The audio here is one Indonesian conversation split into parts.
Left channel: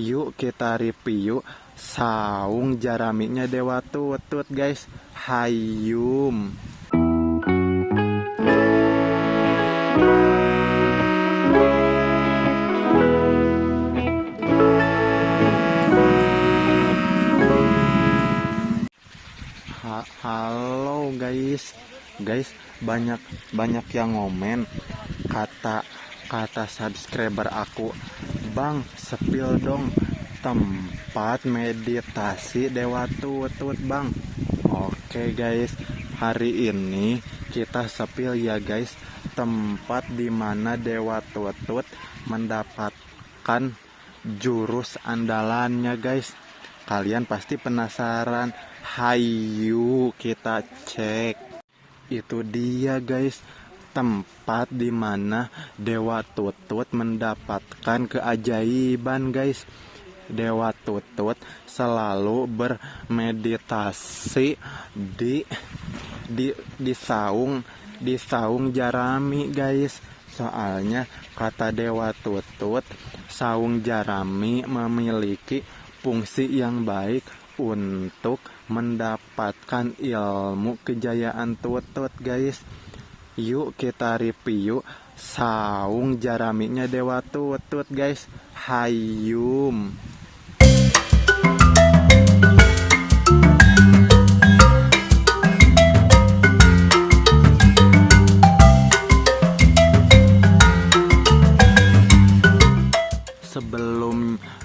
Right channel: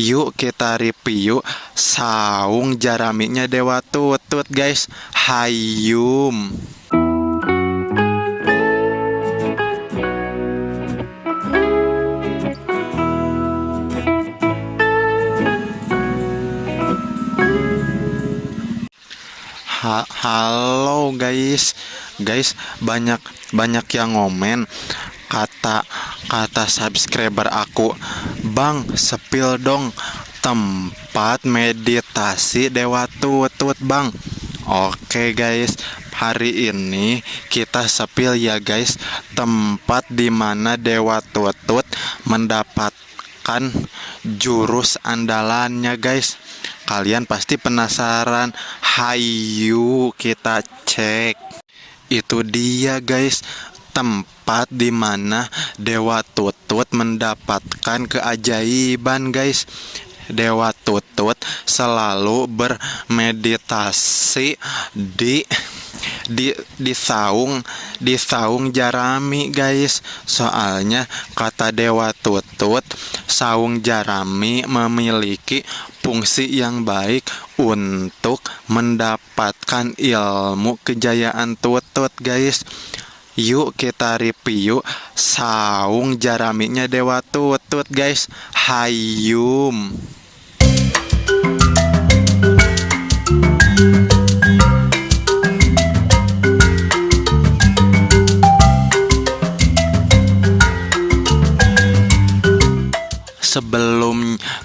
Yuk kita review saung jaraminya Dewa Tutut guys. Hayum. Halo guys, banyak yang ngomen kata subscriber aku, Bang, sepil dong tempat meditasi Dewa Tutut, Bang. Oke guys, hari ini kita sepil ya guys, tempat dimana Dewa Tutut mendapatkan jurus andalannya guys. Kalian pasti penasaran. Hayu kita cek. Itu dia guys, tempat dimana Dewa Tutut mendapatkan keajaiban guys. Dewa Tutut selalu bermeditasi di saung jarami guys. Soalnya kata Dewa Tutut, saung jarami memiliki fungsi yang baik untuk mendapatkan ilmu kejayaan tutut guys. Yuk kita review saung jaraminya Dewa Tutut guys. Hayum.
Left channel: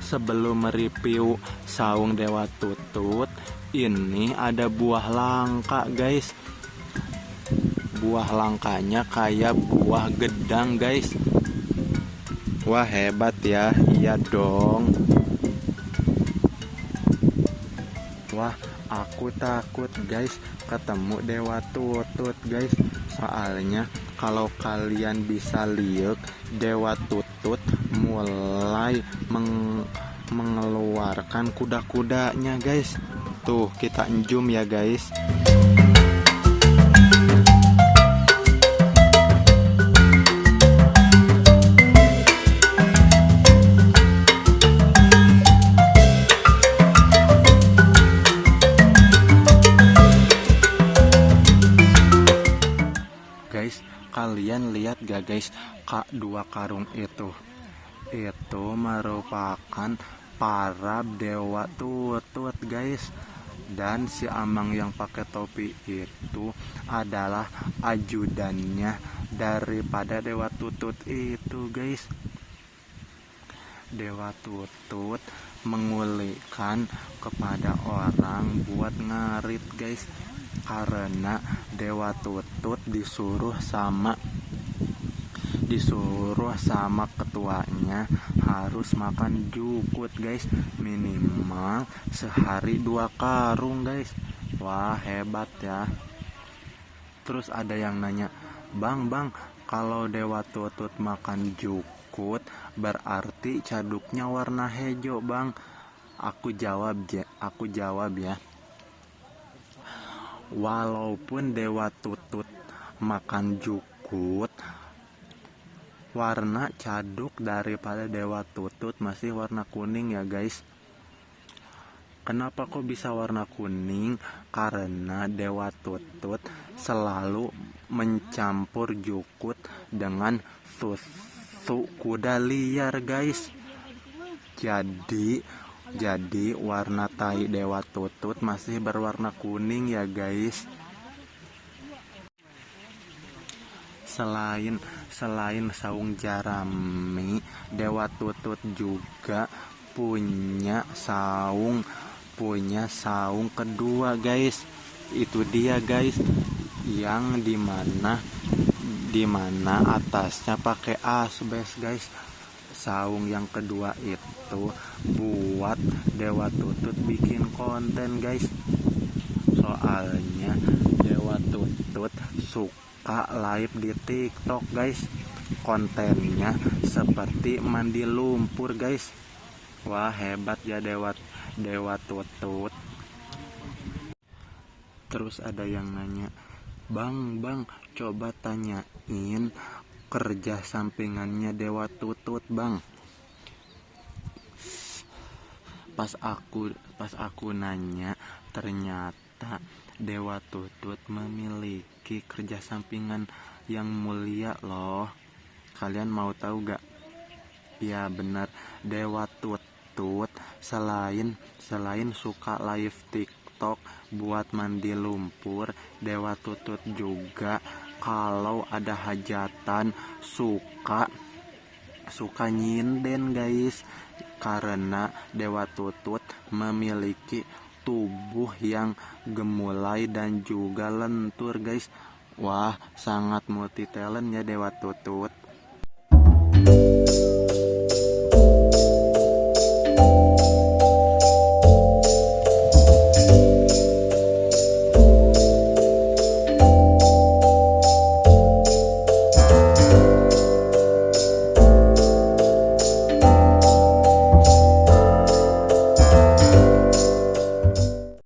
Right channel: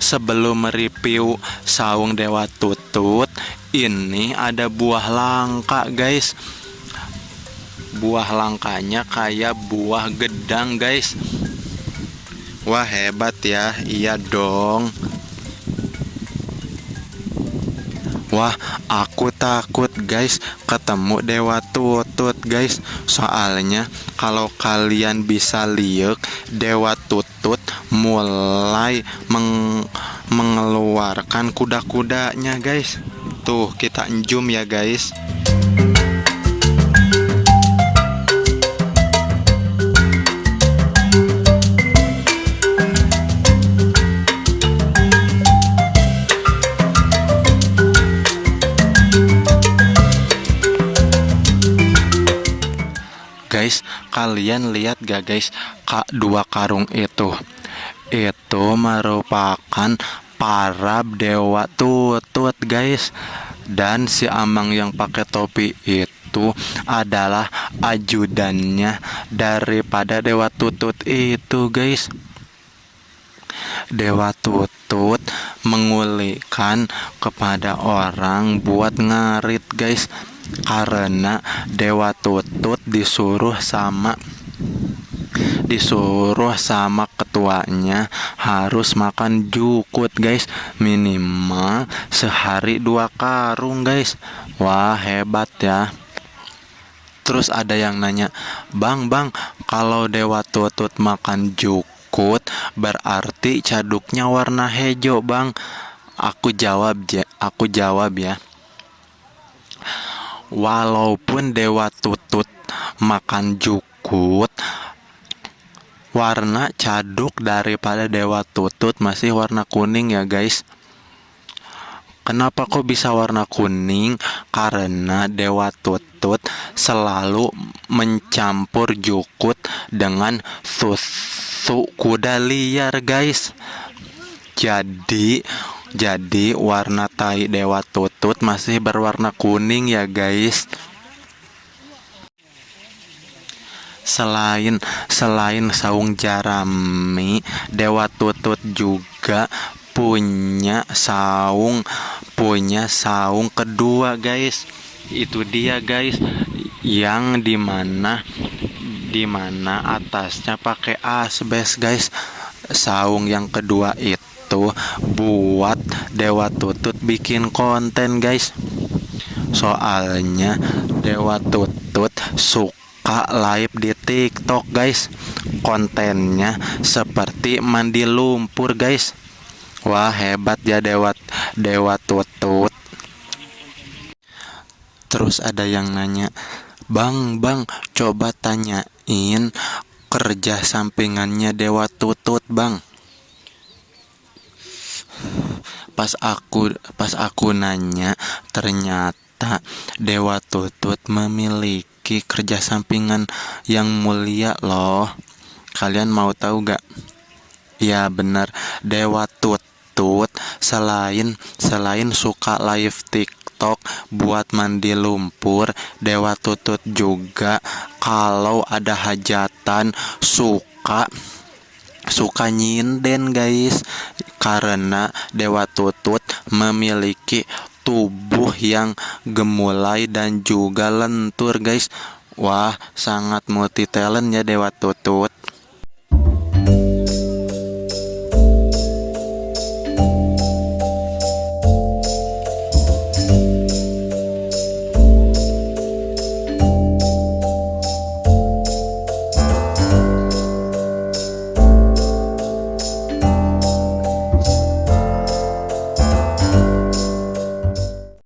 Sebelum review saung Dewa Tutut, ini ada buah langka guys. Buah langkanya kayak buah gedang guys. Wah, hebat ya. Iya dong. Wah, aku takut guys ketemu Dewa Tutut guys. Soalnya kalau kalian bisa lihat, Dewa Tutut mulai mengeluarkan kuda-kudanya guys. Tuh, kita zoom ya guys. Guys, kalian lihat gak guys, dua karung itu merupakan para Dewa Tutut guys. Dan si Amang yang pakai topi itu adalah ajudannya daripada Dewa Tutut itu guys. Dewa Tutut mengulikan kepada orang buat ngarit guys, karena Dewa Tutut disuruh sama ketuanya harus makan jukut guys, minimal sehari 2 karung guys. Wah, hebat ya. Terus ada yang nanya, Bang, kalau Dewa Tutut makan jukut berarti caduknya warna hijau, Bang. Aku jawab ya. Walaupun Dewa Tutut makan jukut, warna caduk daripada Dewa Tutut masih warna kuning ya guys. Kenapa kok bisa warna kuning? Karena Dewa Tutut selalu mencampur jukut dengan susu kuda liar guys. Jadi warna tai Dewa Tutut masih berwarna kuning ya guys. Selain saung jarami, Dewa Tutut juga punya saung kedua guys. Itu dia guys, yang dimana atasnya pakai asbes guys. Saung yang kedua itu buat Dewa Tutut bikin konten guys. Soalnya Dewa Tutut suka live di TikTok guys. Kontennya seperti mandi lumpur guys. Wah, hebat ya Dewa Tutut. Terus ada yang nanya, Bang, coba tanyain kerja sampingannya Dewa Tutut, Bang. pas aku nanya, ternyata Dewa Tutut memiliki kerja sampingan yang mulia loh. Kalian mau tahu gak? Ya benar, Dewa Tutut selain suka live TikTok buat mandi lumpur, Dewa Tutut juga kalau ada hajatan suka nyinden guys, karena Dewa Tutut memiliki tubuh yang gemulai dan juga lentur guys. Wah, sangat multi talent ya Dewa Tutut.